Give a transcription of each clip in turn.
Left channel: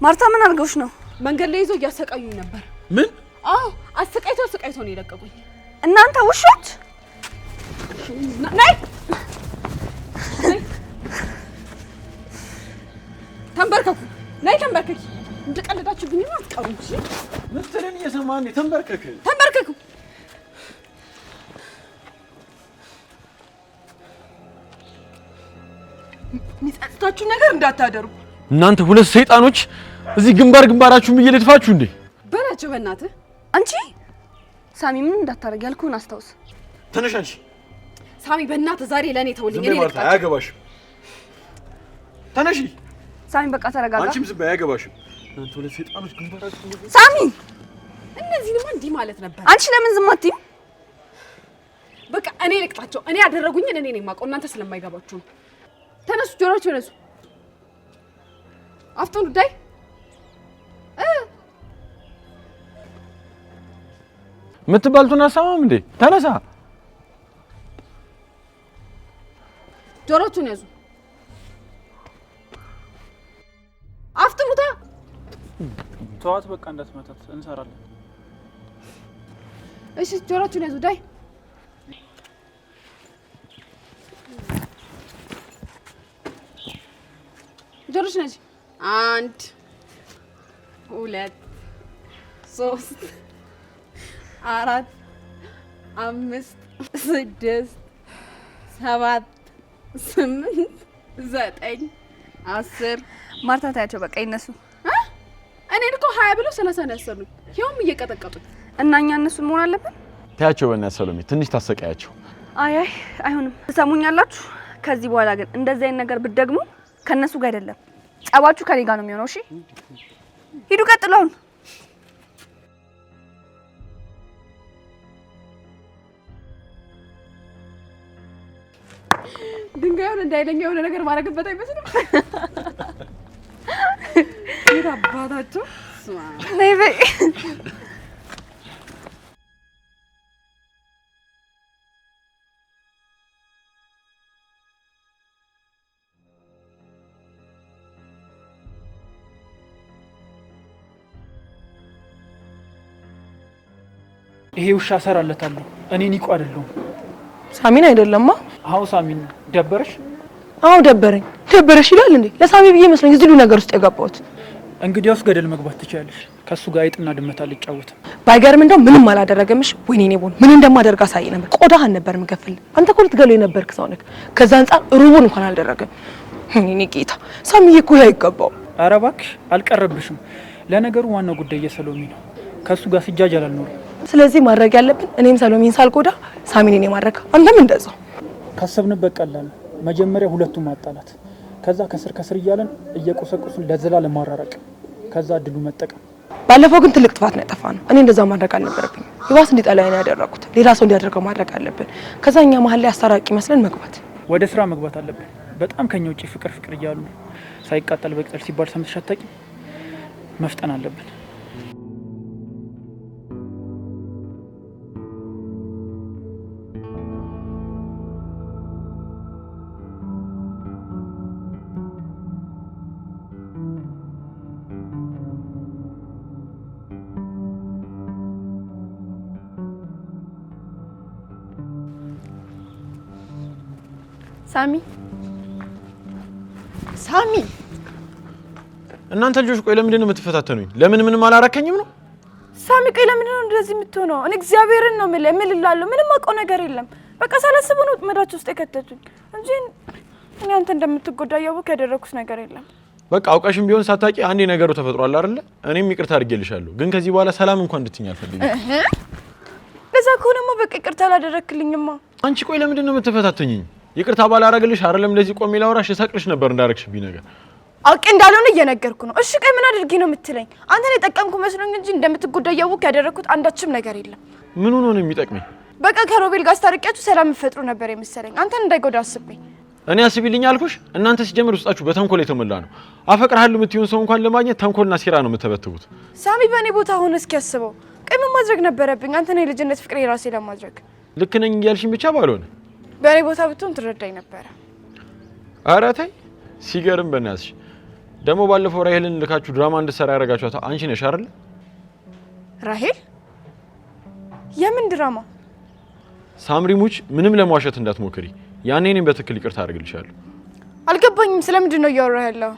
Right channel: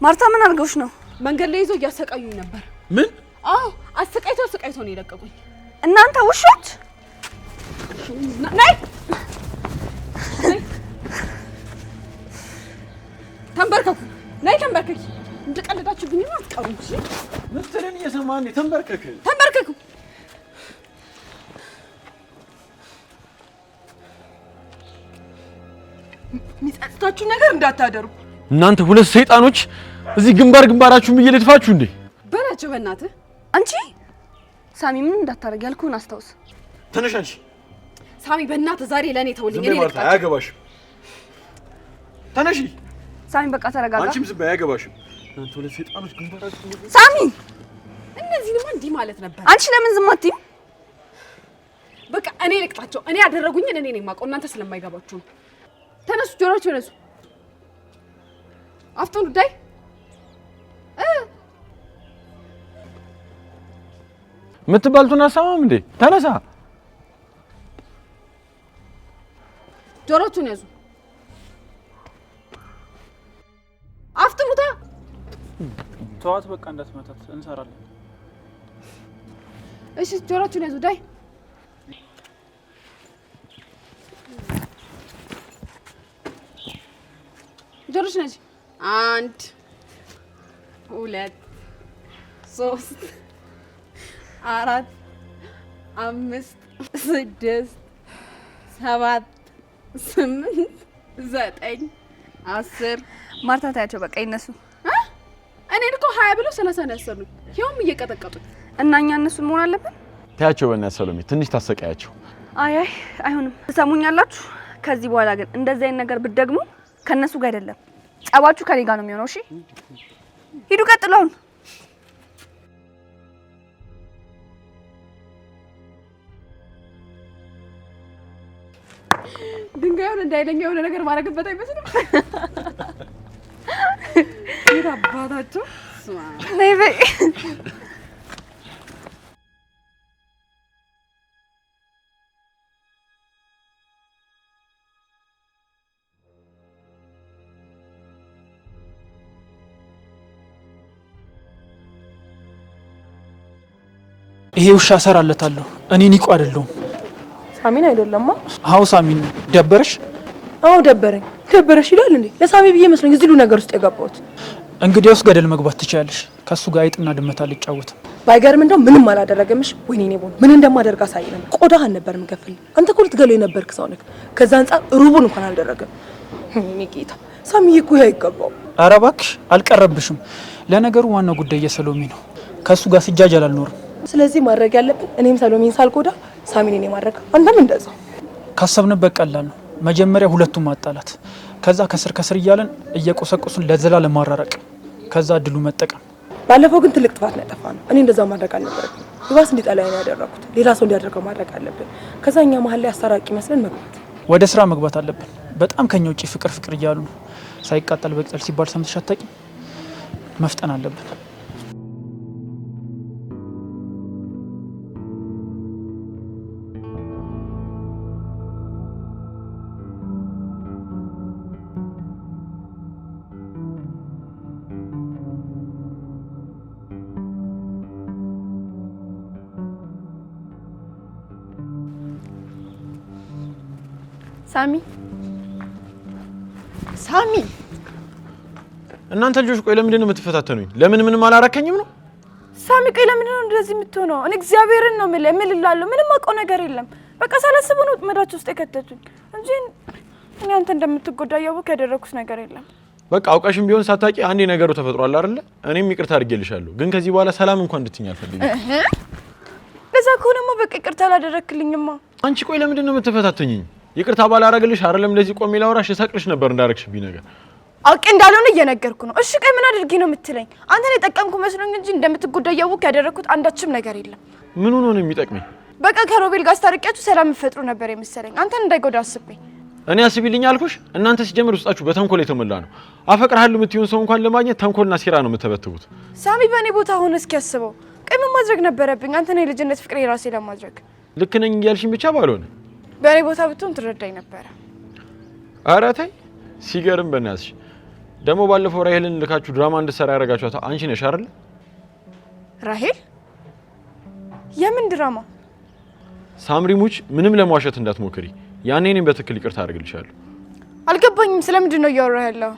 ማርታ ምን አድርገውሽ ነው? መንገድ ላይ ይዞ እያሰቃዩኝ ነበር። ምን? አዎ አሰቃይቶ ነው የለቀቁኝ። እናንተ ውሾች! ነይ ተንበርከኩ። ነይ ተንበርከኪ። እንደቀለዳችሁብኝ ነው አትቀሩም። እሺ ምትልን እየሰማን ተንበርከክ። ተንበርከኩ። ሚጸጽታችሁ ነገር እንዳታደርጉ። እናንተ ሁለት ሰይጣኖች እዚህ ግንባራችሁን እየለጥፋችሁ እንዴ? በላቸው በእናትህ። አንቺ ሳሚ ምን እንዳታረግ ያልኩህን አስታውስ። ተነሽ አንቺ። ሳሚ በእናትህ ዛሬ ለኔ ተውልኝ። እኔ ልቅጣ። አያገባሽም። ተነሺ ሳሚ በቃ ተረጋጋ። አንቺም ዝም በይ። አያገባሽም። እናንተ ሁለት ሰይጣኖች ግንባራችሁን ሳሚ እነዚህንማ እንዲህ ማለት ነበር። አንቺ ለምን ዝም አትይም? በቃ እኔ ልቅጣቸው። እኔ ያደረጉኝን እኔ ነኝ የማውቀው፣ እናንተ ስለማይገባችሁ። ተነሱ፣ ጆሮአችሁ ነሱ። አፍቶን ዳይ ምትባልቱን አሳማም እንዴ? ተነሳ። ጆሮአችሁን ያዙ። አፍጥኑታ። ተዋት በቃ እንዳትመታት እንሰራለን። እሺ ጆሮአችሁን ያዙ። ዳይ ጆሮሽ ነጂ 1 2 3 4 5 6 7 8 9 10 ማርታ ታያቸው በቃ ይነሱ። እኔን እኮ 20 ብለው 30 ነው ያሰሩኝ። ይኸውም እየቀጠቀጡኝ እና እኛ እነሱን መሆን አለብን። ታያቸው በእናትሽ ሰሎሜ፣ ትንሽ ታሰቃያቸው። አይ አይሆንም። ትሰሙኛላችሁ? ከዚህ በኋላ ግን እንደዚህ አይነት ነገር ብትደግሙ ከነሱ ጋር አይደለም ጸባችሁ ከኔ ጋር ነው የሚሆነው። እሺ ሂዱ፣ ቀጥሉን። ድንጋዩን እንዳይለኝ የሆነ ነገር ማድረግበት አይመስልም? ይራባታችሁ ነይ በይ። ይሄ ውሻ ሰራለታለሁ። እኔ ኒቆ አይደለሁም። ሳሚን አይደለማ? አዎ ሳሚን። ደበረሽ? አዎ ደበረኝ። ደበረሽ ይላል እንዴ? ለሳሚ ብዬ መስሎኝ እዚህ ነገር ውስጥ የገባሁት። እንግዲያውስ ገደል መግባት ትችያለሽ። ከሱ ጋር አይጥና ድመት አልጫወትም። ባይገርም እንደው ምንም አላደረገምሽ። ወይኔ እኔ ቦን ምን እንደማደርግ አሳይ ነበር። ቆዳህን ነበር የምከፍል። አንተ እኮ ልትገለው የነበርክ ሰው ነህ። ከዛ አንፃር ሩቡን እንኳን አልደረገም። እኔ ጌታ ሳሚዬ እኮ አይገባው። ኧረ እባክሽ አልቀረብሽም። ለነገሩ ዋናው ጉዳይ የሰሎሜ ነው። ከሱ ጋር ሲጃጃል አልኖርም። ስለዚህ ማድረግ ያለብን እኔም ሰሎሜን ሳልጎዳ ሳሚን እኔ ማድረግ፣ አንተም እንደዛው። ካሰብንበት ቀላል ነው። መጀመሪያ ሁለቱም ማጣላት፣ ከዛ ከስር ከስር እያለን እየቆሰቆሱን ለዘላለም ማራረቅ፣ ከዛ እድሉ መጠቀም። ባለፈው ግን ትልቅ ጥፋት ነው ያጠፋነው። እኔ እንደዛ ማድረግ አልነበረብኝ። ይባስ እንዲጠላኝ ነው ያደረኩት። ሌላ ሰው እንዲያደርገው ማድረግ አለብን። ከዛ እኛ መሀል ላይ አስታራቂ መስለን መግባት። ወደ ስራ መግባት አለብን። በጣም ከኛ ውጪ ፍቅር እያሉ ነው። ሳይቃጠል በቅጠል ሲባል ሰምተሽ አታውቂም? መፍጠን አለብን። ሳሚ እናንተ ልጆች ቆይ ለምንድን ነው የምትፈታተኑኝ? ለምን ምንም አላረከኝም ነው? ሳሚ ቆይ ለምንድን ነው እንደዚህ የምትሆነው? እኔ እግዚአብሔርን ነው እምልልሃለሁ። ምንም አውቀው ነገር የለም። በቃ ሳላስበው ነው መዳች ውስጥ የከተቱኝ እንጂ እኔ አንተ እንደምትጎዳ ያወቅ ያደረኩት ነገር የለም። በቃ አውቀሽም ቢሆን ሳታቂ አንዴ ነገሩ ተፈጥሯል አይደለ? እኔም ይቅርታ አድርጌልሻለሁ፣ ግን ከዚህ በኋላ ሰላም እንኳን እንድትኛ አልፈልግም። ለዛ ከሆነማ በቃ ይቅርታ አላደረክልኝማ። አንቺ ቆይ ለምንድን ነው የምትፈታተኝኝ? ይቅርታ ባላረግልሽ አይደለም እንደዚህ ቆሜ ላወራሽ እሰቅልሽ ነበር እንዳረግሽብኝ ነገር አውቄ እንዳልሆነ እየነገርኩ ነው። እሺ ቆይ ምን አድርጌ ነው የምትለኝ? አንተን የጠቀምኩ መስሎኝ እንጂ እንደምትጎዳ ያወቅ ያደረኩት አንዳችም ነገር የለም። ምን ሆኖ ነው የሚጠቅመኝ? በቃ ከሮቤል ጋር አስታርቂያችሁ ሰላም ፈጥሩ ነበር የመሰለኝ። አንተን እንዳይጎዳ አስቤ። እኔ አስቢልኝ አልኩሽ። እናንተ ሲጀምር ውስጣችሁ በተንኮል የተሞላ ነው። አፈቅርሃለሁ የምትይውን ሰው እንኳን ለማግኘት ተንኮልና ሴራ ነው የምትተበትቡት። ሳሚ በእኔ ቦታ ሆነ እስኪ ያስበው። ቆይ ምን ማድረግ ነበረብኝ? አንተን የልጅነት ፍቅሬ ራሴ ለማድረግ ልክ ነኝ እያልሽኝ ብቻ ባልሆነ በእኔ ቦታ ብትሆን ትረዳኝ ነበረ። ኧረ ተይ ሲገርም በእናትሽ ደግሞ ባለፈው ራሄልን ልካችሁ ድራማ እንድትሰራ ያደረጋችኋት አንቺ ነሽ አይደል? ራሄል? የምን ድራማ? ሳምሪሙች ምንም ለማዋሸት እንዳትሞክሪ። ያኔ እኔም በትክክል ይቅርታ አድርግልሻለሁ። አልገባኝም። ስለምንድን ነው እያወራህ ያለው?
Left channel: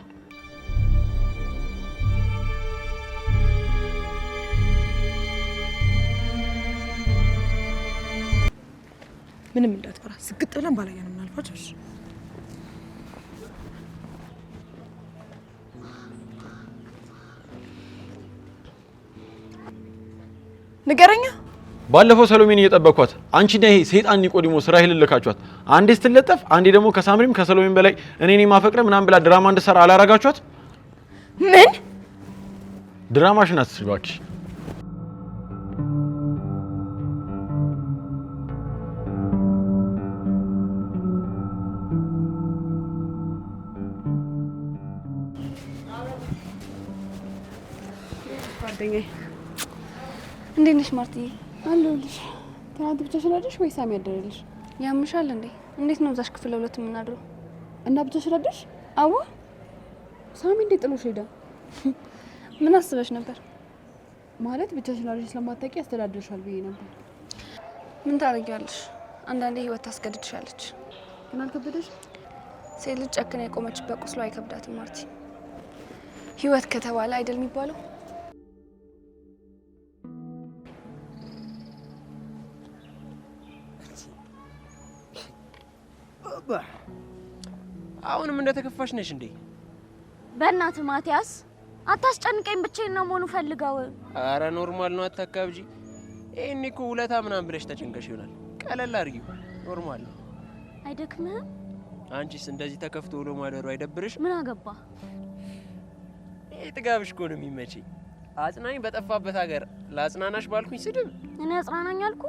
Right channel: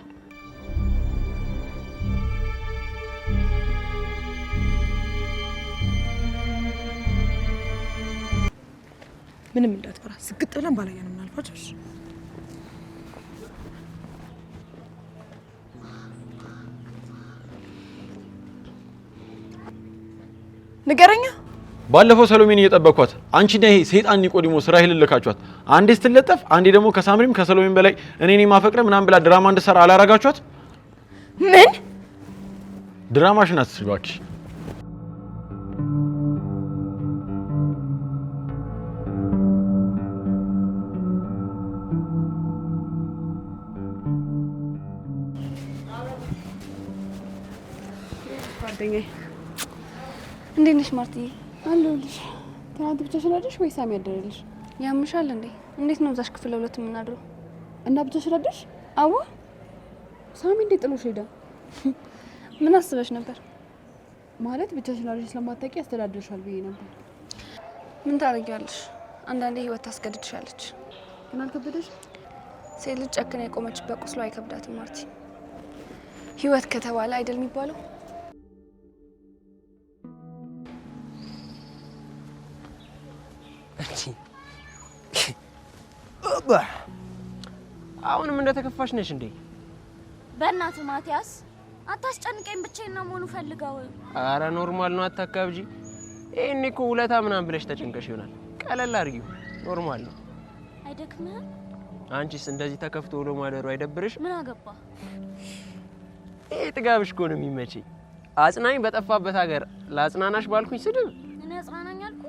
ምንም እንዳትፈራ ስግጥ ብለን ባላየንም እናልፋቸው። ንገረኛ። ባለፈው ሰሎሜን እየጠበቅኳት አንቺና ይሄ ሰይጣን ኒቆዲሞስ ራሄልን ልካችኋት አንዴ ስትለጠፍ አንዴ ደግሞ ከሳምሪም ከሰሎሜን በላይ እኔ ማፈቅረ ምናምን ብላ ድራማ እንድትሰራ አላረጋችኋት? ምን ድራማሽን አትስሪ እባክሽ። እንዴት ነሽ ማርትዬ? አለሁልሽ። ትናንት ብቻሽን አደርሽ ወይ ሳሚ ያደረልሽ? ያምሻል እንዴ? እንዴት ነው እዛሽ ክፍል ለሁለት የምናድረው? እና ብቻሽን አደርሽ? አዎ። ሳሚ እንዴት ጥሎሽ ሄደ? ምን አስበሽ ነበር? ማለት ብቻሽን አደርሽ ስለማታውቂ ያስተዳድርሻል ብዬ ነበር። ምን ታደርጊያለሽ? አንዳንዴ ህይወት ታስገድድሻለች። ግን አልከበደሽ? ሴት ልጅ ጨክና የቆመችበት ቁስሏ አይከብዳትም ማርቲ። ህይወት ከተባለ አይደል የሚባለው? አሁንም እንደተከፋሽ ነሽ እንዴ? በእናትህ ማቲያስ አታስጨንቀኝ፣ ብቻዬን ነው መሆኑ ፈልገው። አረ ኖርማል ነው፣ አታካብጂ። ይሄኔ እኮ ውለታ ምናምን ብለሽ ተጨንቀሽ ይሆናል። ቀለል አድርጊው፣ ኖርማል ነው። አይደክምህም? አንቺስ እንደዚህ ተከፍቶ ውሎ ማደሩ አይደብርሽ? ምን አገባ? ይሄ ጥጋብሽ እኮ ነው የሚመችኝ። አጽናኝ በጠፋበት ሀገር ለአጽናናሽ ባልኩኝ ስድብ እኔ አጽናናኝ አልኩ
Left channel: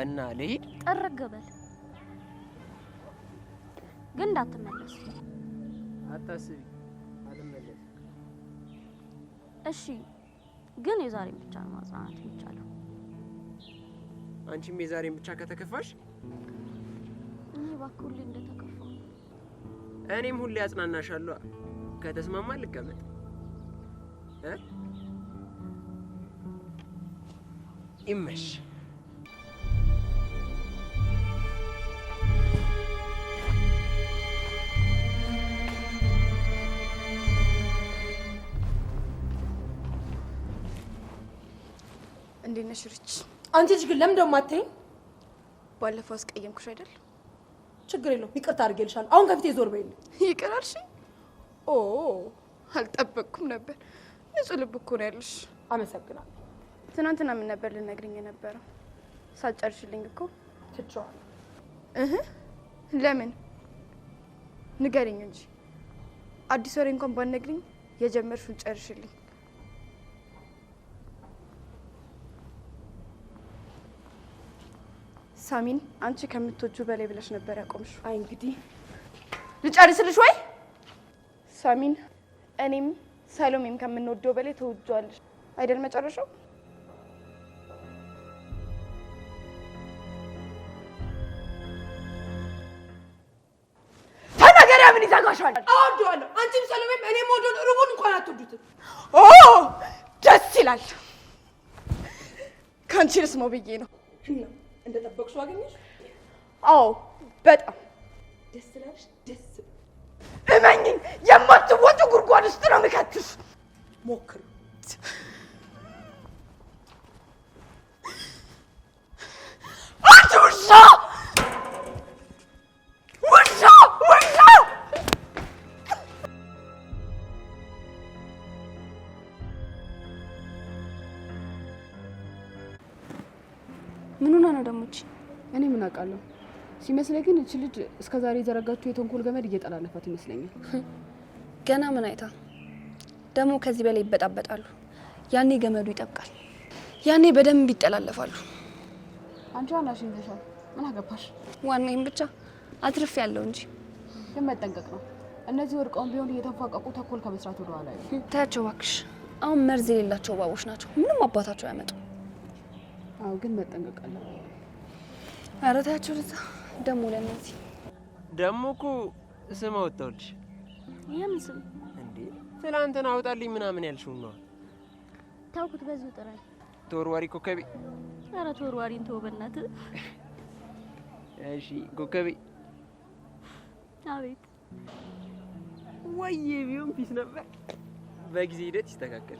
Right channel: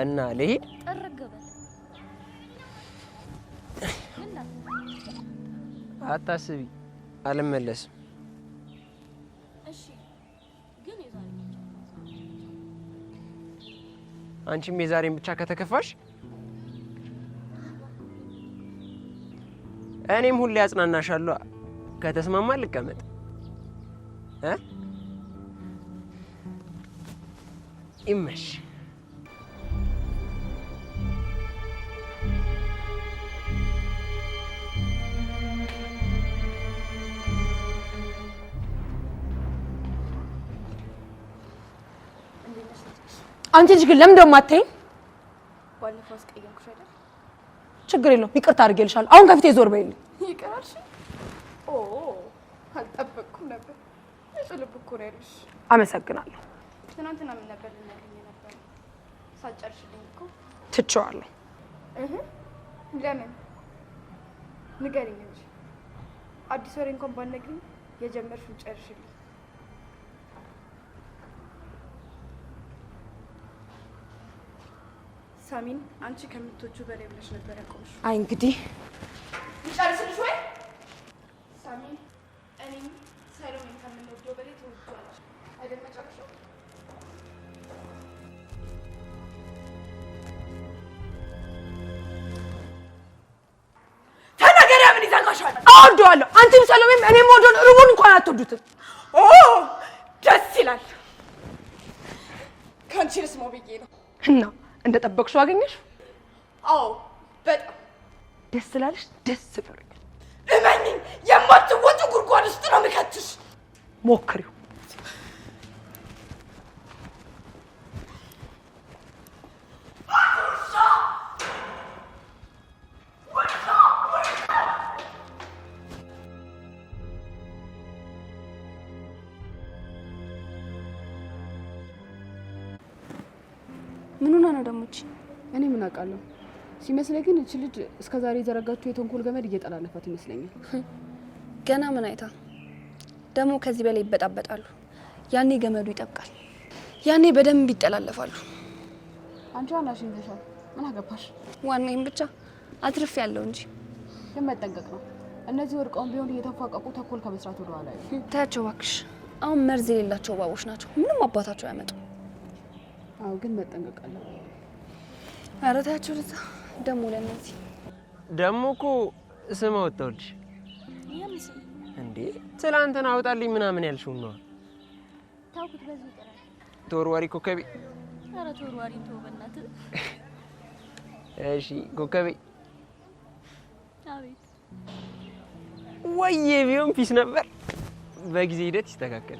እና ልሂድ። ጠረገበል ግን እንዳትመለስ። አታስቢ፣ አልመለስም። እሺ፣ ግን የዛሬ ብቻ ነው ማጽናናት የሚቻለው። አንቺም የዛሬን ብቻ ከተከፋሽ እኔም ሁሌ አጽናናሻለሁ። ከተስማማ ልቀመጥ ይመሽ። እንዴት ነሽ ሪች? አንቺ ልጅ ግን ለምን ደሞ አትይኝ? ባለፈው አስቀየምኩሽ አይደል? ችግር የለውም ይቅርታ አድርጌልሻለሁ። አሁን ከፊቴ ዞር በይልኝ። ይቅር አልሽ? ኦ አልጠበቅኩም ነበር። ንጹህ ልብ እኮ ነው ያለሽ። አመሰግናለሁ። ትናንትና ምን ነበር ልነግሪኝ የነበረው? ሳትጨርሽልኝ እኮ ትቼዋለሁ። ለምን ንገሪኝ እንጂ አዲስ ወሬ እንኳን ባትነግሪኝ የጀመርሽውን ጨርሽልኝ። ሳሚን አንቺ ከምትወጁ በላይ ብለሽ ነበር ያቆምሽው። አይ እንግዲህ ልጨርስልሽ ወይ? ሳሚን እኔም ሰሎሜም ከምንወደው በላይ ተወዷለሽ አይደል መጨረሻው? ተናገሪያ። ምን ይዘጋሻል? አወደዋለሁ። አንቺም ሰሎሜም እኔም ወደውን ሩቡን እንኳን አትወዱትም። ኦ ደስ ይላል። ከአንቺ ልስማው ብዬ ነው። እና እንደጠበቅሽው አገኘሽ? አዎ በጣም ደስ ስላለሽ ደስ ብሎኛል። እመኝኝ፣ የማትወጪ ጉድጓድ ውስጥ ነው የምከትሽ። ሞክሪው። አንቺ ውሻ! ውሻ! ውሻ! ምን ሆና ነው ደግሞ እቺ? እኔ ምን አውቃለሁ። ሲመስለኝ ግን እቺ ልጅ እስከዛሬ የዘረጋችው የተንኮል ገመድ እየጠላለፋት ይመስለኛል። ገና ምን አይታ ደግሞ ከዚህ በላይ ይበጣበጣሉ። ያኔ ገመዱ ይጠብቃል። ያኔ በደንብ ይጠላለፋሉ። አንቺ ዋናሽን ይዘሻል። ምን አገባሽ? ዋናዬም ብቻ አትርፍ ያለው እንጂ ግን መጠንቀቅ ነው። እነዚህ ወርቀውን ቢሆን እየተፋቀቁ ተንኮል ከመስራት ወደ ኋላ አይሉ። ታያቸው እባክሽ። አሁን መርዝ የሌላቸው እባቦች ናቸው። ምንም አባታቸው አያመጡም። አዎ ግን መጠንቀቅ አለ። ኧረ ታያቸው ለዛ ደግሞ ለነዚህ ደግሞ እኮ ስም አወጣሁልሽ። ይሄን ስም እንዴ ትላንትና አውጣልኝ ምናምን ያልሽው ነው? ታውቁት በዚህ ጥራይ ተወርዋሪ ኮከቤ። ኧረ ተወርዋሪን ተው በእናትህ። እሺ ኮከቤ። አቤት። ወይዬ ቢሆን ፒስ ነበር። በጊዜ ሂደት ይስተካከል።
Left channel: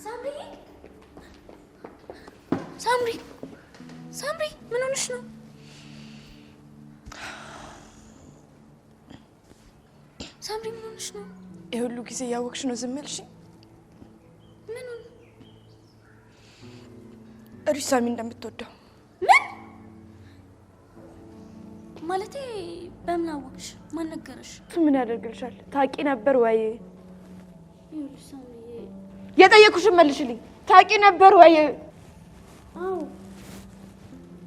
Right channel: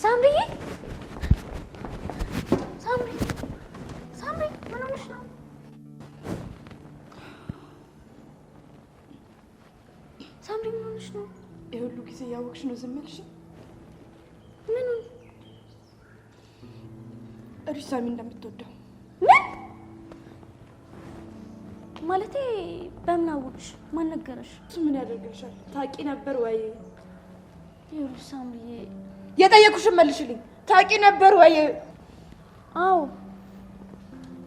ሳምሪ ሳምሪ ሳምሪ ምን ሆነሽ ነው? ሳምሪ ምን ሆነሽ ነው? የሁሉ ጊዜ ያወቅሽ ነው ዝም ያልሽ? ምኑን? እሪስ ሳሚ እንደምትወደው። ምን ማለቴ? በምን አወቅሽ? ማን ነገረሽ? እሱ ምን ያደርግልሻል? ታውቂ ነበር ወይ? ይኸውልሽ ሳምሪ የጠየኩሽን መልሽልኝ። ታውቂ ነበር ወይ? አዎ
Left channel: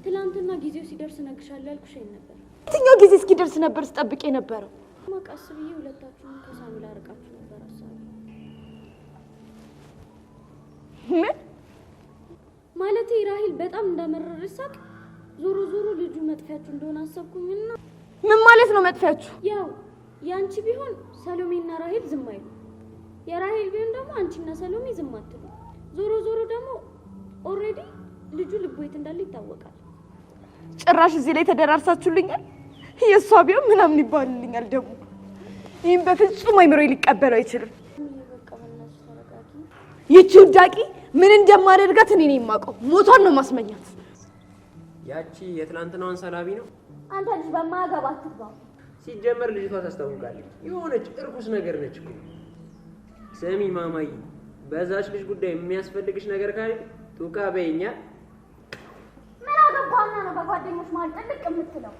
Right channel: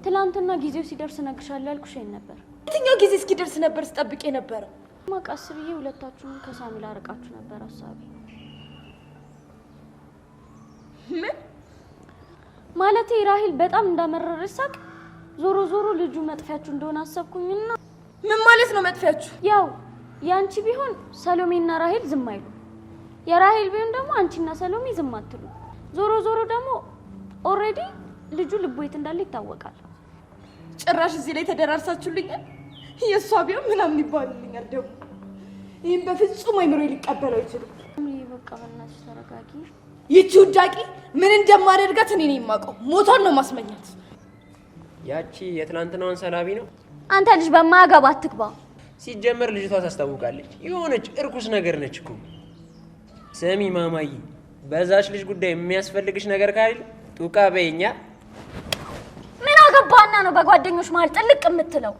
ትላንትና ጊዜው ሲደርስ እነግርሻለሁ ያልኩሽ ነበር። የትኛው ጊዜ እስኪደርስ ነበር ስጠብቅ የነበረው? ማቃስ ብዬ ሁለታችሁን ከሳሚ ላርቃችሁ ነበር ሀሳቤ። ምን ማለቴ? ራሂል በጣም እንዳመረረሽ ሳቅ ዞሮ ዞሮ ልጁ መጥፊያችሁ እንደሆነ አሰብኩኝና። ምን ማለት ነው መጥፊያችሁ? ያው ያንቺ ቢሆን ሰሎሜና ራሂል ዝም አይሉ፣ የራሂል ቢሆን ደግሞ አንቺና ሰሎሜ ዝም አትሉ። ዞሮ ዞሮ ደግሞ ኦልሬዲ ልጁ ልቡ የት እንዳለ ይታወቃል። ጭራሽ እዚህ ላይ ተደራርሳችሁልኛል። የእሷ ቢሆን ምናምን ይባልልኛል። ደግሞ ይህም በፍጹም አይምሮዬ ሊቀበል አይችልም። በቃ በእናትሽ ተረጋጊ። ይቺ ውዳቂ ምን እንደማደርጋት እኔ ነኝ የማውቀው። ሞቷን ነው ማስመኛት። ያቺ የትናንትናዋን ሰላቢ ነው። አንተ ልጅ በማያገባ አትግባ። ሲጀመር ልጅቷ ታስታውቃለች። የሆነች እርኩስ ነገር ነች እኮ። ስሚ ማማዬ፣ በዛች ልጅ ጉዳይ የሚያስፈልግሽ ነገር ካለ ጡቃ በይኛ። ምን አገባና ነው በጓደኞች መሀል ጥልቅ የምትለው?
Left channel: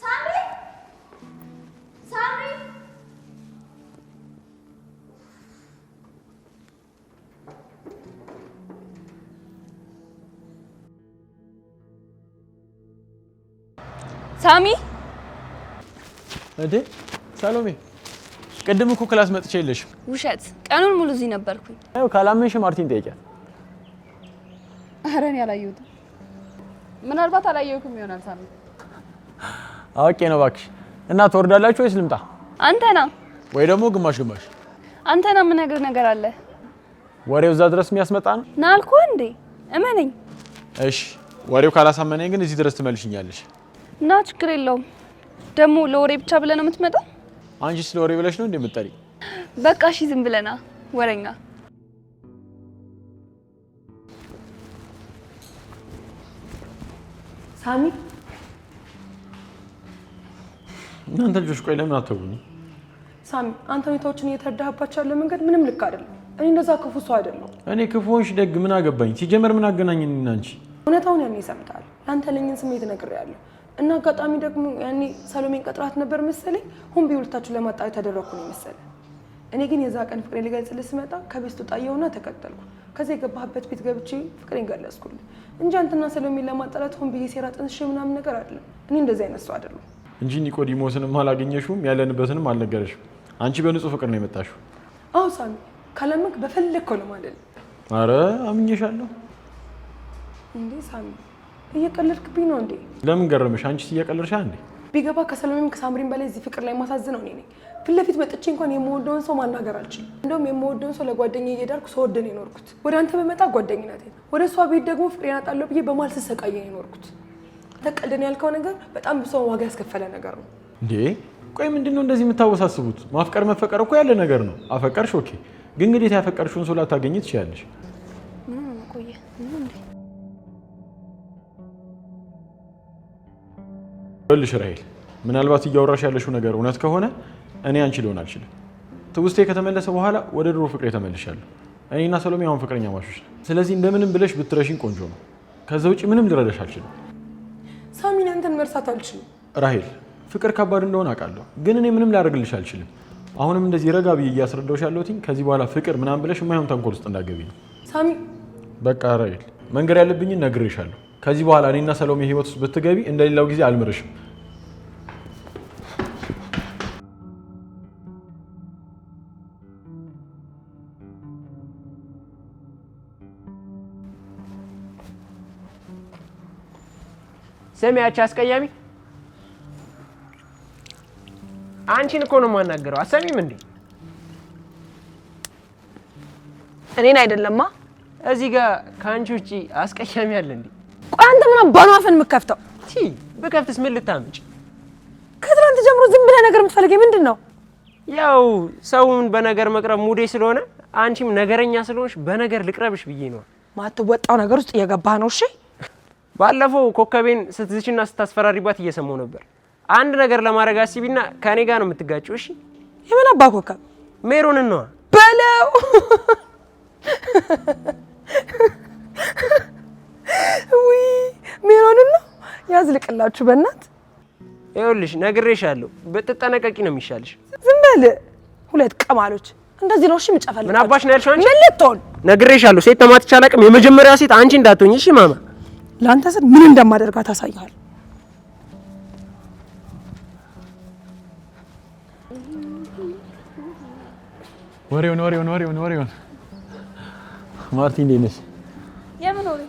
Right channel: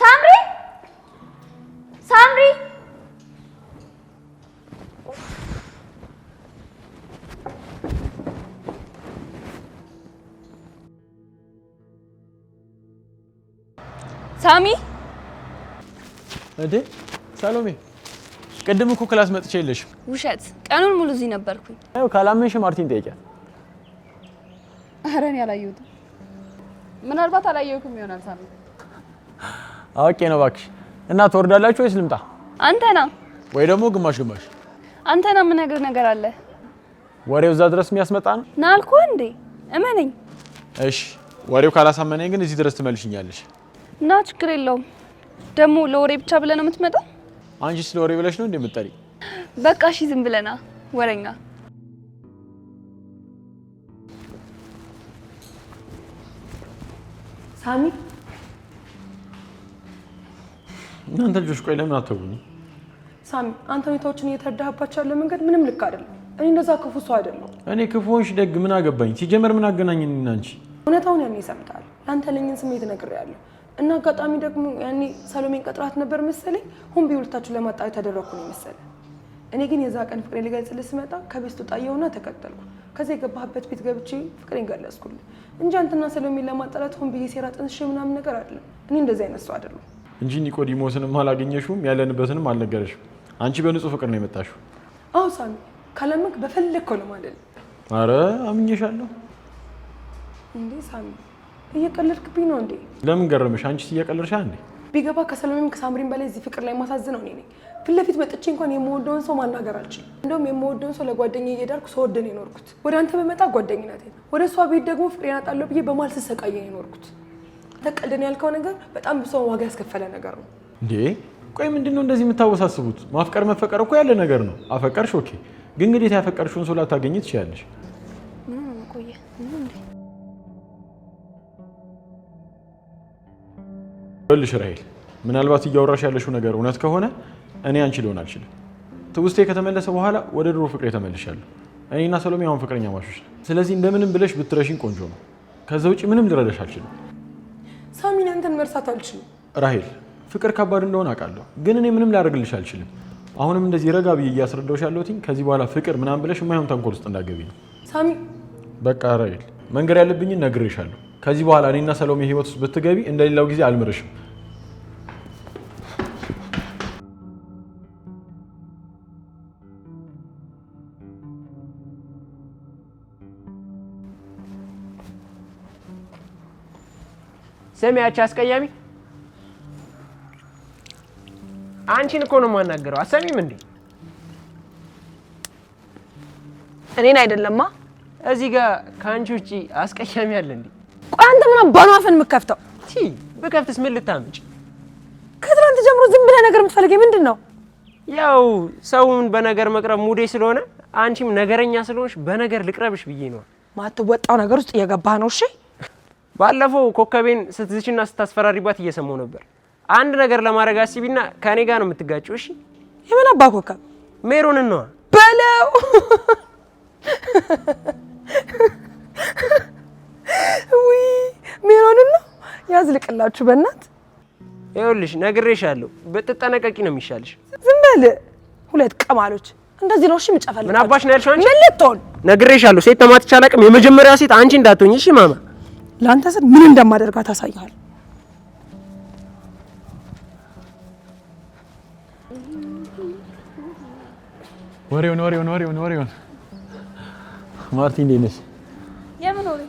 ሳምሪ ሳምሪ ሳሚ እንዴ ሰሎሜ፣ ቅድም እኮ ክላስ መጥቼ የለሽም። ውሸት። ቀኑን ሙሉ እዚህ ነበርኩኝ። አዎ ካላመንሽ ማርቲን ጠይቂያት። ኧረ እኔ አላየሁትም። ምናልባት አላየሁትም ይሆናል ሳሚ። አውቄ ነው እባክሽ። እና ትወርዳላችሁ ወይስ ልምጣ? አንተና ወይ ደግሞ ግማሽ ግማሽ? አንተና ምን ነገር አለ? ወሬው እዛ ድረስ የሚያስመጣ ነው ና አልኩህ እንዴ? እመነኝ። እሺ ወሬው ካላሳመነኝ ግን እዚህ ድረስ ትመልሽኛለሽ። እና ችግር የለውም። ደግሞ ለወሬ ብቻ ብለህ ነው የምትመጣው? አንቺ ስለ ወሬ ብለሽ ነው እንደምትጠሪ? በቃ እሺ ዝም ብለና ወሬኛ። ሳሚ እናንተ ልጆች ቆይ ለምን አትተውኝ? ሳሚ አንተ ሁኔታዎችን እየተረዳህባቸው ያለ መንገድ ምንም ልክ አይደለም። እኔ እንደዛ ክፉ ሰው አይደለሁም። እኔ ክፉሽ ደግ ምን አገባኝ? ሲጀመር ምን አገናኘን እና አንቺ? እውነታውን ያኔ ሰምተሃል። አንተ ለኝን ስሜት ነግሬያለሁ። እና አጋጣሚ ደግሞ ያኔ ሰሎሜን ቀጥራት ነበር መሰለኝ። ሁን ቢውልታችሁ ለማጣት ያደረኩ ነው መሰለኝ። እኔ ግን የዛ ቀን ፍቅሬን ልገልጽልህ ስመጣ ከቤት ወጣየውና ተከተልኩ። ከዛ የገባህበት ቤት ገብቼ ፍቅሬን ገለጽኩልህ እንጂ አንተና ሰሎሜን ለማጣላት ሁን ብዬ ሴራ ጥንስሼ ምናምን ነገር አይደለም። እኔ እንደዛ አይነት ሰው አይደለሁም። እንጂ ኒቆዲሞስንም አላገኘሽውም፣ ያለንበትንም አልነገረሽም። አንቺ በንጹህ ፍቅር ነው የመጣሽው። አዎ ሳሚ፣ ካለምክ በፈለግከው ነው ማለት ነው። አረ አምኜሻለሁ። እንዴ ሳሚ እየቀለድክብኝ ነው እንዴ? ለምን ገረመሽ? አንቺስ እየቀለድሻ እንዴ? ቢገባ ከሰሎሜም ከሳምሪም በላይ እዚህ ፍቅር ላይ ማሳዝነው እኔ ነኝ። ፊት ለፊት መጥቼ እንኳን የምወደውን ሰው ማናገር አልችልም። እንደውም የምወደውን ሰው ለጓደኛዬ እየዳርኩ ስወድ ነው የኖርኩት። ወደ አንተ በመጣ ጓደኝነቴ፣ ወደ እሷ ቤት ደግሞ ፍቅሬን አጣለሁ ብዬ በማል ስሰቃየ ነው የኖርኩት። አንተ ቀልደን ያልከው ነገር በጣም ብዙ ዋጋ ያስከፈለ ነገር ነው እንዴ። ቆይ ምንድነው እንደዚህ የምታወሳስቡት? ማፍቀር መፈቀር እኮ ያለ ነገር ነው። አፈቀርሽ ኦኬ፣ ግን እንግዲህ ያፈቀርሽውን ሰው ላታገኝ ትችያለሽ። ምን ነው ቆየ እንዴ? ልሽ ራሄል፣ ምናልባት እያወራሽ ያለሽው ነገር እውነት ከሆነ እኔ አንቺ ልሆን አልችልም። ትውስቴ ከተመለሰ በኋላ ወደ ድሮ ፍቅሬ ተመልሻለሁ። እኔና ሰሎሜ አሁን ፍቅረኛ ማሾች። ስለዚህ እንደምንም ብለሽ ብትረሽኝ ቆንጆ ነው። ከዛ ውጪ ምንም ልረዳሽ አልችልም። ሳሚን አንተን መርሳት አልችልም። ራሄል፣ ፍቅር ከባድ እንደሆነ አውቃለሁ፣ ግን እኔ ምንም ላደርግልሽ አልችልም። አሁንም እንደዚህ ረጋ ብዬ እያስረዳሁሽ ያለሁት ከዚህ በኋላ ፍቅር ምናምን ብለሽ የማይሆን ተንኮል ውስጥ እንዳትገቢ ነው። ሳሚ በቃ ራሄል፣ መንገር ያለብኝን ነግሬሻለሁ። ከዚህ በኋላ እኔና ሰሎሜ ህይወት ውስጥ ብትገቢ እንደሌላው ጊዜ አልምርሽም። ሰሚያች አስቀያሚ አንቺን እኮ ነው የማናገረው። አሰሚም እንዴ? እኔን አይደለማ። እዚህ ጋር ከአንቺ ውጪ አስቀያሚ አለ እንዴ? ቆይ አንተ ምን አባኑ አፈን የምከፍተው? በከፍትስ ምን ልታምጪ? ከትናንት ጀምሮ ዝም ብለህ ነገር የምትፈልገኝ ምንድን ነው? ያው ሰውን በነገር መቅረብ ሙዴ ስለሆነ አንቺም ነገረኛ ስለሆንሽ በነገር ልቅረብሽ ብዬ ነው። ማትወጣው ነገር ውስጥ እየገባህ ነው። እሺ ባለፈው ኮከቤን ስትዝችና ስታስፈራሪባት እየሰማሁ ነበር። አንድ ነገር ለማድረግ አስቢና ከኔ ጋር ነው የምትጋጭው። እሺ የምን አባ ኮከብ? ሜሮን ነው በለው። ውይ ሜሮን ነው ያዝልቅላችሁ በእናት። ይኸውልሽ ነግሬሻለሁ፣ ብትጠነቀቂ ነው የሚሻልሽ። ዝም በል ሁለት ቀማሎች። እንደዚህ ነው እሺ የምጨፈልግ። ምን አባሽ ነው ያልሽው አንቺ? ምን ልትሆን? ነግሬሻለሁ፣ ሴት ተማትቻ አላውቅም። የመጀመሪያ ሴት አንቺ እንዳትሆኝ እሺ ማማ። ላንተ ስል ምን እንደማደርጋት አሳይሃል። ወሬውን ማርቲ እንዴት ነሽ? የምን ወሬ?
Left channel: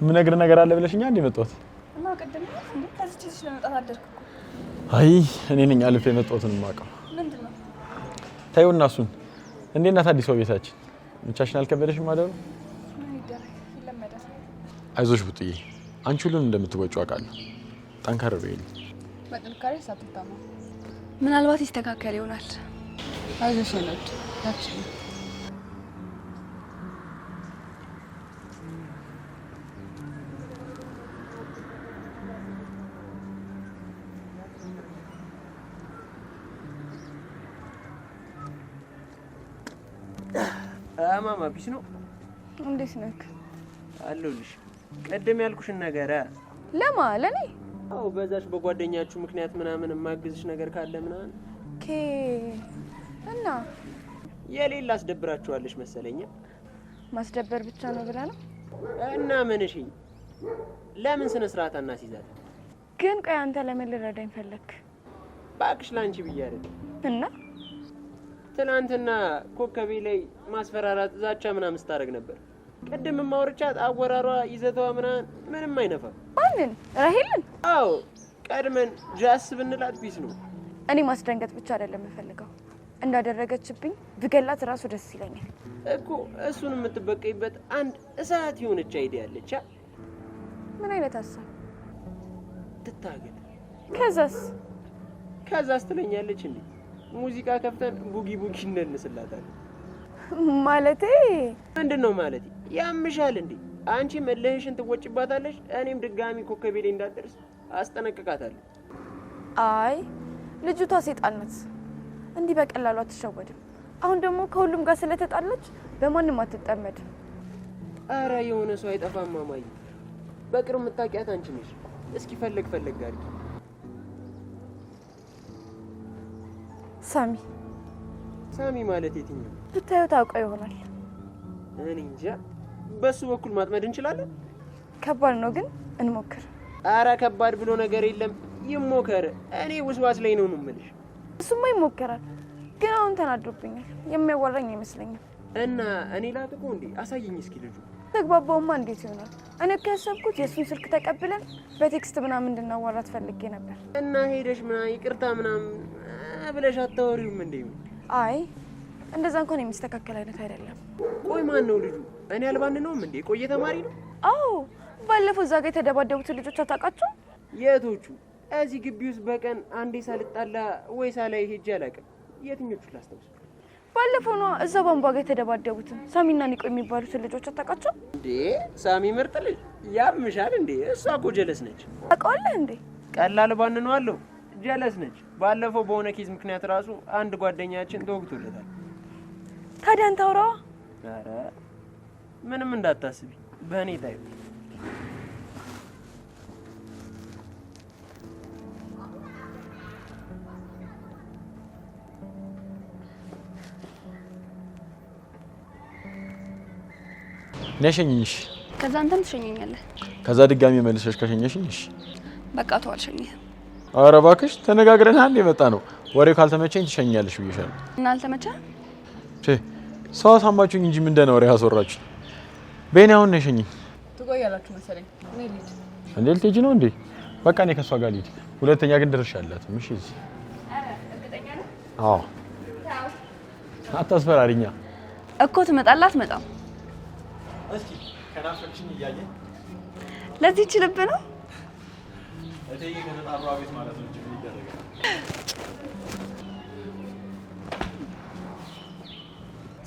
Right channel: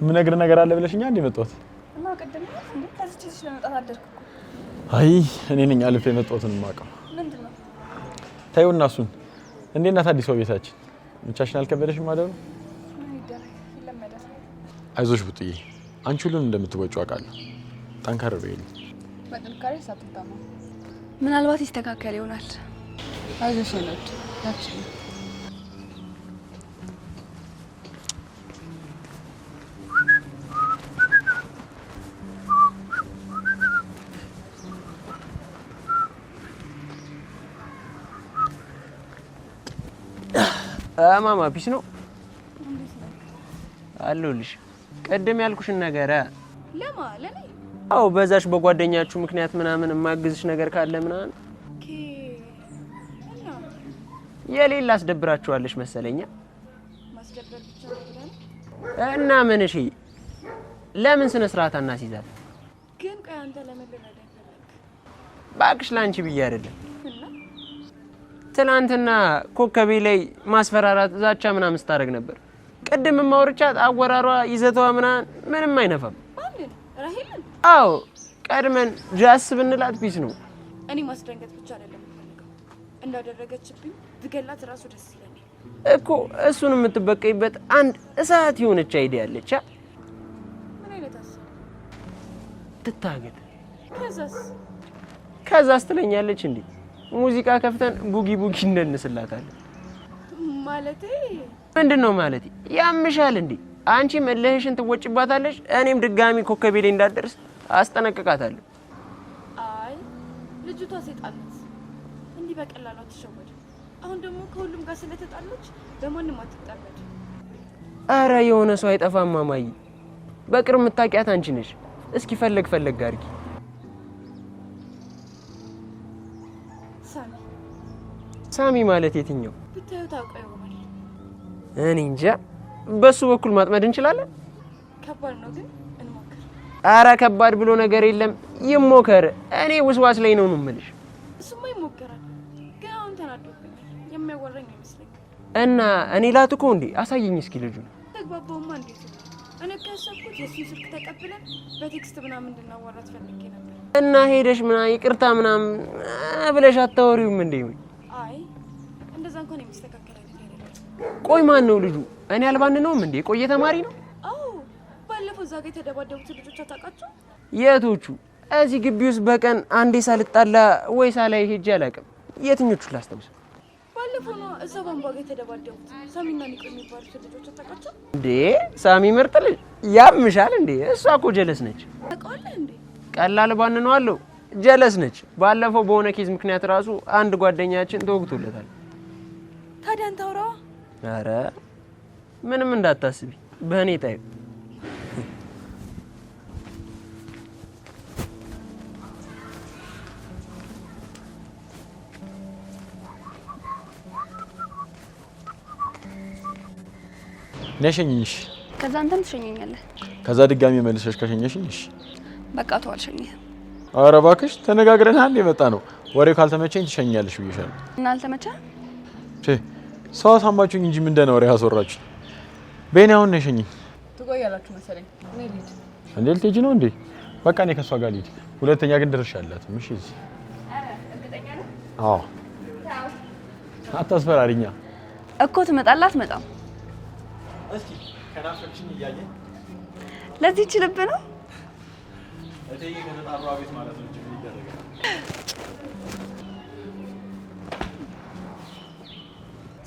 የምነግርህ ነገር አለ ብለሽኛ እንዴ መጣሁት? እና ቀደም እንዴ ከዚህ ልጅ ለመጣት አደርኩ እኮ። አይ እኔ ነኝ አልፌ የመጣሁትን የማውቀው። ምንድነው? ታዩና እሱን እንዴት ናት አዲሷ ቤታችን? ብቻሽን አልከበደሽም ማለት ነው? ምን ይደረግ ይለመዳል። አይዞሽ ቡጥዬ፣ አንቺ ሁሉንም እንደምትወጪው አውቃለሁ። ጠንከር በይልኝ። በጥንካሬ ሳትታማ ምናልባት ይስተካከል ይሆናል። አይዞሽ ነች ታች ማማ ፒስ ነው። እንዴት ነህ? አለሁልሽ። ቀደም ያልኩሽን ነገር ለማ ለኔ? አው በዛሽ በጓደኛችሁ ምክንያት ምናምን የማግዝሽ ነገር ካለ ምናምን ኦኬ። እና የሌላ አስደብራችኋለሽ መሰለኛ። ማስደበር ብቻ ነው ብላ ነው? እና ምን እሺ፣ ለምን ስነ ስርዓት አናስይዛት? ግን ቆይ አንተ ለምን ልረዳኝ ፈለክ? ባክሽ ላንቺ ብዬ አይደለም። እና ትናንትና ኮከቤ ላይ ማስፈራራት ዛቻ ምናምን ስታደርግ ነበር። ቀደም ማውርቻት አወራሯ ይዘቷ ምንም አይነፋም። ማንን? ራሄልን? አዎ ቀድመን ጃስ ብንላት ፒስ ነው። እኔ ማስደንገጥ ብቻ አይደለም የምፈልገው፣ እንዳደረገችብኝ ብገላት ራሱ ደስ ይለኛል እኮ። እሱን የምትበቀይበት አንድ እሳት የሆነች አይዲያ አለች። ምን አይነት ሀሳብ? ትታገት። ከዛስ ትለኛለች እንዴ ሙዚቃ ከፍተን ቡጊ እንነስላታለን። ማለቴ ምንድነው ማለቴ? ያምሻል እንዴ? አንቺ መለህሽን ትወጭባታለሽ፣ እኔም ድጋሚ ኮከቤ ላይ እንዳትደርስ አስጠነቅቃታለሁ። አይ ልጅቷ ሴጣን ናት፣ እንዲህ በቀላሉ አትሸወድም። አሁን ደግሞ ከሁሉም ጋር ስለተጣለች በማንም አትጠመድ። አረ የሆነ ሰው አይጠፋም ማማዬ። በቅርብ የምታውቂያት አንቺ ነሽ። እስኪ ፈለግ አድርጊ። ሳሚ ማለት የትኛው? ብታዩ ታውቀው ይሆናል። እኔ እንጃ። በሱ በኩል ማጥመድ እንችላለን። ከባድ ነው ግን እንሞክር። አረ ከባድ ብሎ ነገር የለም፣ ይሞከር። እኔ ውስዋስ ላይ ነው የምልሽ። እሱማ ይሞከራል፣ ግን አሁን ተናዶብኛል። የሚያወራኝ አይመስለኝም። እና እኔ ላትኮ እንዴ? አሳየኝ እስኪ ልጁ። ተግባባውማ እንዴት ይሆናል? እኔ ከሰብኩት የሱን ስልክ ተቀብለን በቴክስት ምናምን እንድናወራት ፈልጌ ነበር። እና ሄደሽ ይቅርታ ምናምን ብለሽ አታወሪውም እንዴ? አይ እንደዛ እንኳን የሚስተካከል አይነት አይደለም። ቆይ ማን ነው ልጁ? እኔ አልባን ነውም እንዴ? ቆየ ተማሪ ነው? አዎ ባለፈው እዛ ጋር የተደባደቡት ልጆች አታውቃቸው? የቶቹ እዚህ ግቢ ውስጥ በቀን አንዴ ሳልጣላ ወይ ሳላይ ሄጄ አላውቅም። የትኞቹ ላስታውስ? ባለፈው ነው እዛ ቧንቧ ጋር የተደባደቡት ሳሚና ኒቆ የሚባሉት ልጆች አታውቃቸው እንዴ? ሳሚ ምርጥ ልጅ ያምሻል እንዴ? እሷ እኮ ጀለስ ነች። ታውቀዋለህ እንዴ? ቀላል ባንነዋለሁ። ጀለስ ነች። ባለፈው በሆነ ኬዝ ምክንያት ራሱ አንድ ጓደኛችን ተወግቶለታል። ታዲያ አንተ አውራዋ። ኧረ ምንም እንዳታስቢ በእኔ ታይ። ነሸኝሽ ከዛ አንተም ትሸኘኛለህ። ከዛ ድጋሚ መልሰሽ ከሸኘሽኝ እሺ በቃ ተው አልሸኝህም። ኧረ እባክሽ ተነጋግረን አንድ የመጣ ነው። ወሬው ካልተመቸኝ ትሸኛለሽ ብዬሻለሁ። እና አልተመቸህም? ሰው አሳማችሁኝ እንጂ ምን እንደሆነ ወሬ ያስወራችሁ። በእኔ አሁን ነሸኝኝ። ትቆያላችሁ መሰለኝ። እኔ ልሂድ። እንዴ ልትሄጂ ነው እንዴ? በቃ እኔ ከሷ ጋር ልሂድ። ሁለተኛ ግን ድርሻላት። እሺ እዚህ እርግጠኛ ነህ? አዎ አታስፈራሪኛ እኮ ትመጣላት አትመጣም? እስኪ ከናፈቅሽኝ እያየን ለዚህ ይችልብ ነው እቴዬ ከተጣሩ አቤት ማለት ነው እንጂ ምን ይደረጋል?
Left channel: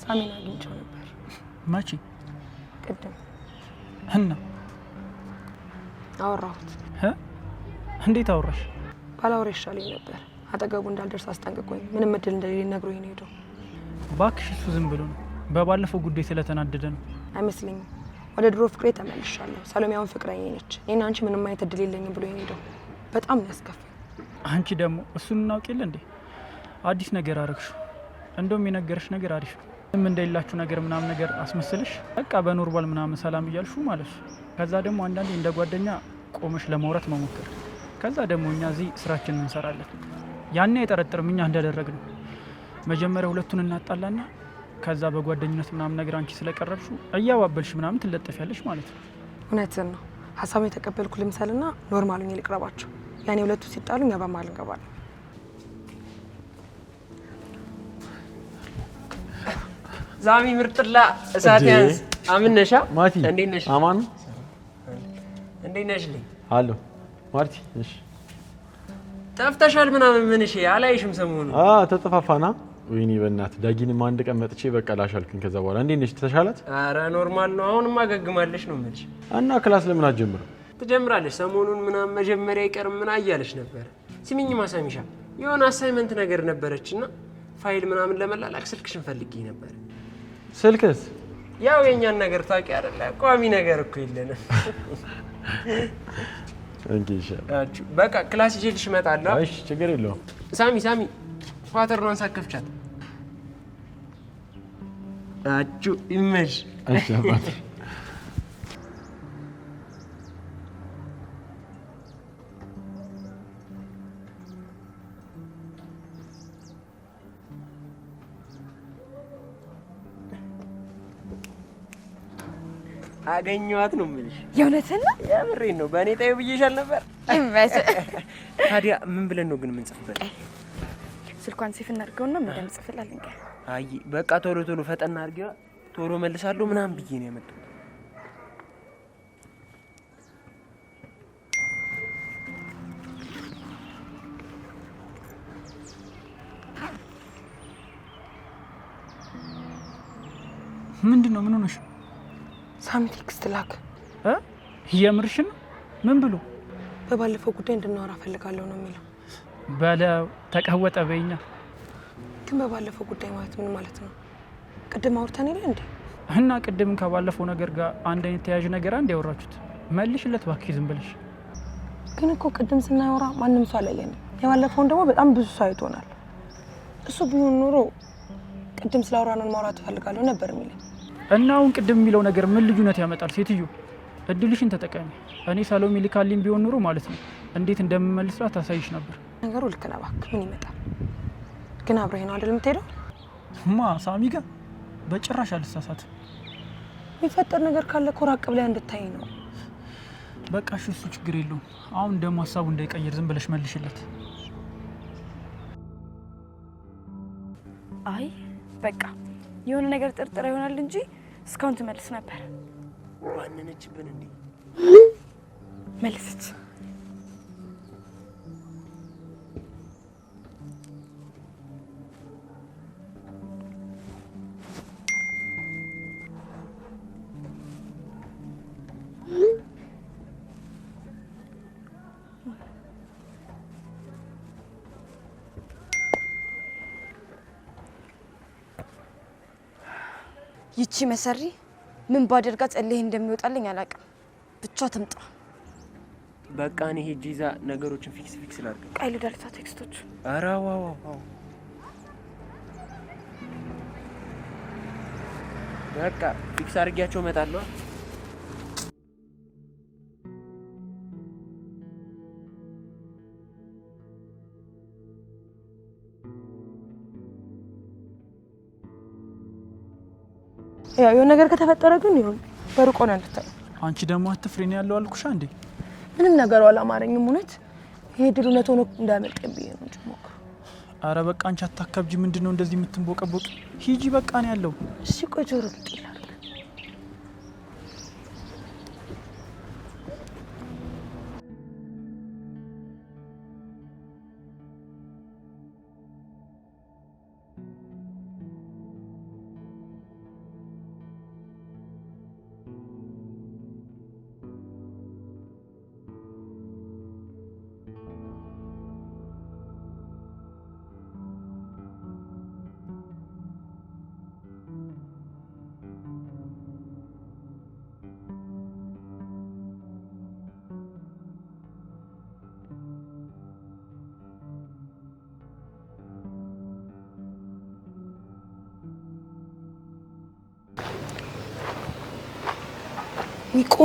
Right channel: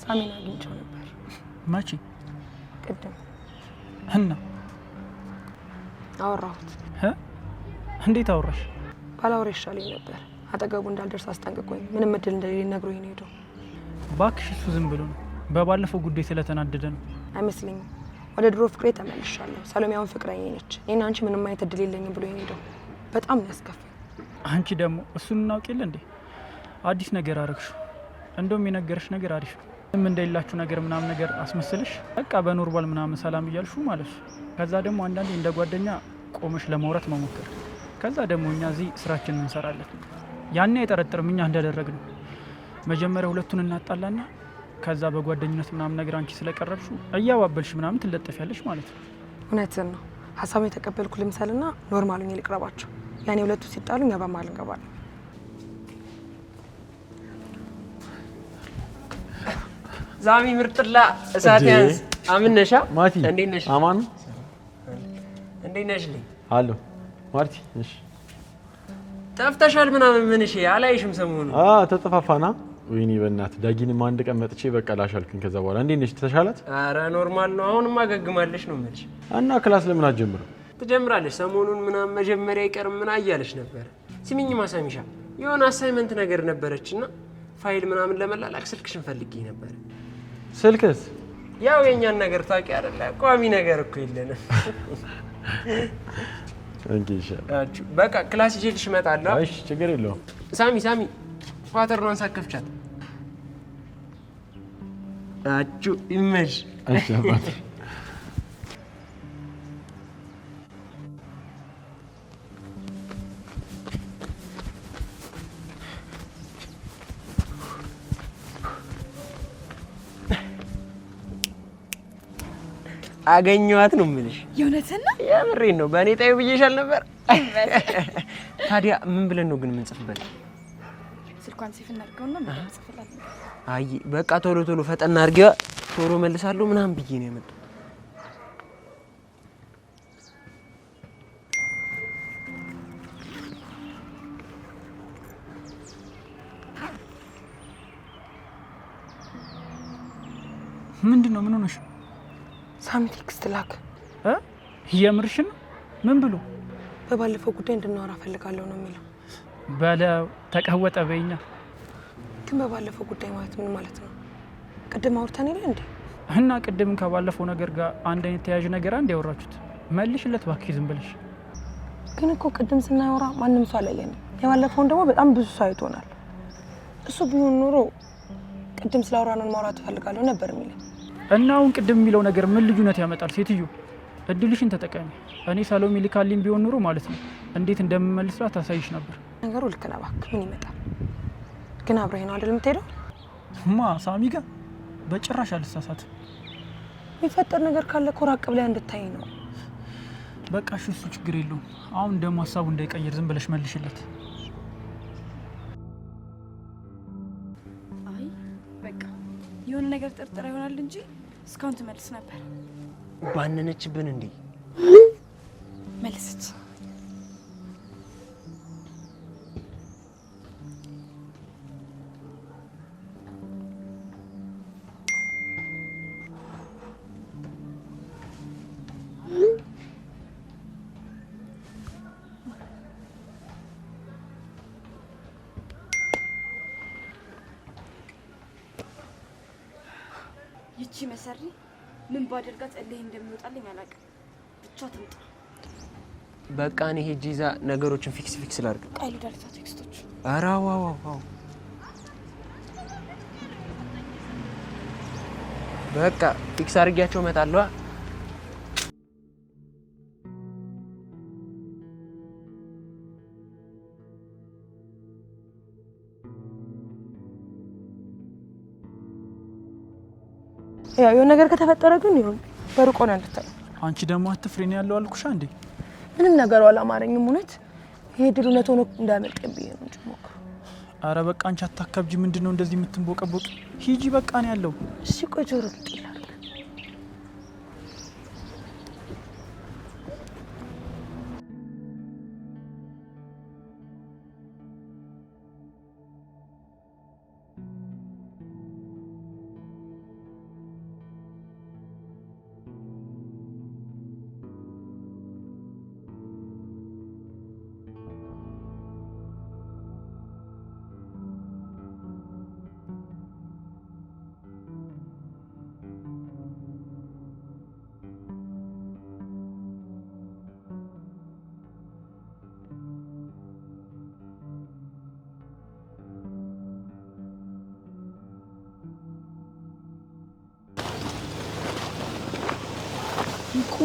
ሳሚን አግኝቼው ነበር። መቼ? ቅድም እና አወራሁት። እንዴት አወራሽ? ባላወራ ይሻለኝ ነበር። አጠገቡ እንዳልደርስ አስጠንቅቆኝ ምንም እድል እንደሌለኝ ነግሮኝ ነው ሄደው። እባክሽ እሱ ዝም ብሎ ነው። በባለፈው ጉዳይ ስለተናደደ ነው። አይመስለኝም። ወደ ድሮ ፍቅሬ ተመልሻለሁ። ሰሎሜያውን ፍቅረኛ ነች። እኔና አንቺ ምንም አይነት እድል የለኝም ብሎ ሄደው። በጣም ነው ያስከፋኝ። አንቺ ደግሞ እሱን እናውቅ የለ እንዴ? አዲስ ነገር አረግሽ። እንደውም የነገረሽ ነገር አሪፍ ነው። ምን እንደሌላችሁ ነገር ምናምን ነገር አስመስልሽ በቃ በኖርማል ምናምን ሰላም እያልሹ ማለት ነው። ከዛ ደግሞ አንዳንዴ እንደ ጓደኛ ቆመሽ ለማውራት መሞከር። ከዛ ደግሞ እኛ እዚህ ስራችንን እንሰራለን። ያኔ አይጠረጥርም እኛ እንዳደረግነው። መጀመሪያ ሁለቱን እናጣላና ከዛ በጓደኝነት ምናምን ነገር አንቺ ስለቀረብሹ እያባበልሽ ምናምን ትለጠፊያለሽ ማለት ነው። እውነትን ነው። ሀሳቡን የተቀበልኩ ልምሰልና ኖርማሉን ልቅረባቸው። ያኔ ሁለቱ ሲጣሉ እኛ በመሀል እንገባለን። ዛሚ ምርጥላ እሳት ያንስ አምነሻ ማቲ እንዴት ነሽ? አማን እንዴት ነሽ? ልኝ አሎ ማርቲ እሺ ጠፍተሻል ምናምን ምን እሺ አላይሽም ሰሞኑን ተጠፋፋና ወይኔ በእናትህ ዳጊንም አንድ ቀን መጥቼ በቃ ላሻልኩኝ ከዛ በኋላ እንዴት ነሽ ተሻላት ኧረ ኖርማል ነው አሁንማ ገግማለሽ ነው የምልሽ እና ክላስ ለምን አትጀምርም ትጀምራለሽ ሰሞኑን ምናምን መጀመሪያ ይቀርም ምን አያለሽ ነበር ሲሚኝ ማሳሚሻ የሆነ አሳይመንት ነገር ነበረችና ፋይል ምናምን ለመላላክ ስልክሽን ፈልጌ ነበር ስልክስ ያው የኛን ነገር ታውቂ አይደለ ቋሚ ነገር እኮ የለንም እንግዲህ በቃ ክላስ ይዤልሽ እመጣለሁ እሺ ችግር የለውም ሳሚ ፋተርኗን ሳከፍቻት አቹ ኢሜጅ እሺ አባት አገኘኋት ነው የምልሽ የእውነትን ነው የምሬን ነው በእኔ ጣዩ ብዬሻል ነበር ታዲያ ምን ብለን ነው ግን የምንጽፍበት ስልኳን ሴፍ እናድርገውና ምን እንጽፍላለን አይ በቃ ቶሎ ቶሎ ፈጠና አድርጊዋ ቶሎ መልሳለሁ ምናምን ብዬ ነው ያመጣው ምንድነው ምን ሆነሽ ሳሚ ቴክስት ላክ የምርሽን ምን ብሎ በባለፈው ጉዳይ እንድናወራ ፈልጋለሁ ነው የሚለው በለው ተቀወጠ በእኛ ግን በባለፈው ጉዳይ ማለት ምን ማለት ነው ቅድም አውርተን የለ እንዴ እና ቅድም ከባለፈው ነገር ጋር አንድ አይነት ተያዥ ነገር አንድ ያወራችሁት መልሽለት እባክህ ዝም ብለሽ ግን እኮ ቅድም ስናወራ ማንም ሰው አላየንም የባለፈውን ደግሞ በጣም ብዙ ሰው አይቶናል እሱ ቢሆን ኖሮ ቅድም ስላወራነው ማውራት ፈልጋለሁ ነበር የሚለው እና አሁን ቅድም የሚለው ነገር ምን ልዩነት ያመጣል ሴትዮ እድልሽን ተጠቀሚ እኔ ሰሎሜ ልካልኝ ቢሆን ኑሮ ማለት ነው እንዴት እንደምመልስላት ታሳይሽ ነበር ነገሩ ልክ ነህ እባክህ ምን ይመጣል ግን አብረህ ነው አይደል የምትሄደው ማ ሳሚ ጋር በጭራሽ አልሳሳትም የሚፈጠር ነገር ካለ እኮ ራቅ ብለህ እንድታይ ነው በቃ እሱ ችግር የለውም አሁን ደግሞ ሀሳቡ እንዳይቀየር ዝም ብለሽ መልሽለት አይ በቃ የሆነ ነገር ጥርጥር ይሆናል እንጂ እስካሁን ትመልስ ነበር ባነነችብን እንዴ መልስት ይቺ መሰሪ ምን ባደርጋት እልህ እንደሚወጣልኝ አላውቅም። ብቻ ትምጣ። በቃ እኔ ሄጄ ይዛ ነገሮችን ፊክስ ላድርግ። ቃይሉ ዳልታ ቴክስቶች ኧረ ዋው በቃ ፊክስ አድርጊያቸው እመጣለሁ። ያው የሆነ ነገር ከተፈጠረ ግን ይሁን በሩቆ ነው እንድታይ። አንቺ ደግሞ አትፍሪኝ ያለው አልኩሽ እንዴ። ምንም ነገር አላማረኝም እውነት። ይሄ ድል እውነት ሆኖ እንዳያመልጠኝ ብዬ ነው እንጂ ሞክሩ። አረ በቃ አንቺ አታካብጂ። ምንድነው እንደዚህ የምትንቦቀቦቅ? ሂጂ በቃ ነው ያለው። እሺ ቆይ ጆሮ ይላል።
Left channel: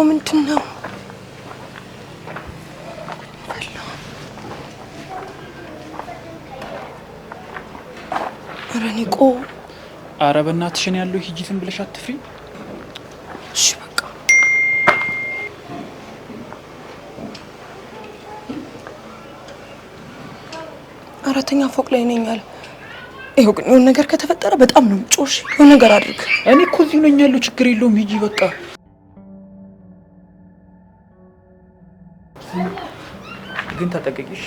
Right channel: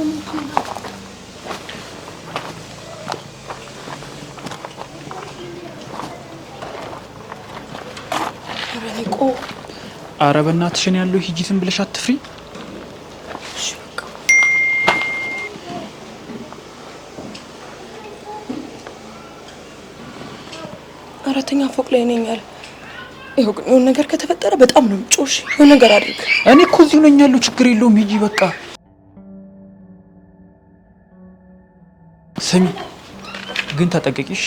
ምንድን ነው? ኧረ በእናትሽን ያለው ሂጂ ዝም ብለሽ አትፍሪ። እሺ በቃ አራተኛ ፎቅ ላይ ነኝ አለ። ይኸው ግን የሆነ ነገር ከተፈጠረ በጣም ነው ጮሽ። የሆነ ነገር አድርግ። እኔ እኮ እዚሁ ነኝ ያለው። ችግር የለውም ሂጂ በቃ። ስሚ ግን ተጠንቀቂሽ።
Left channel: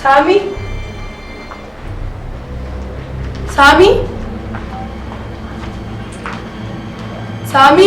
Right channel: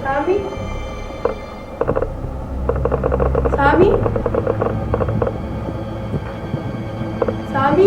ሳሚ ሳሚ ሳሚ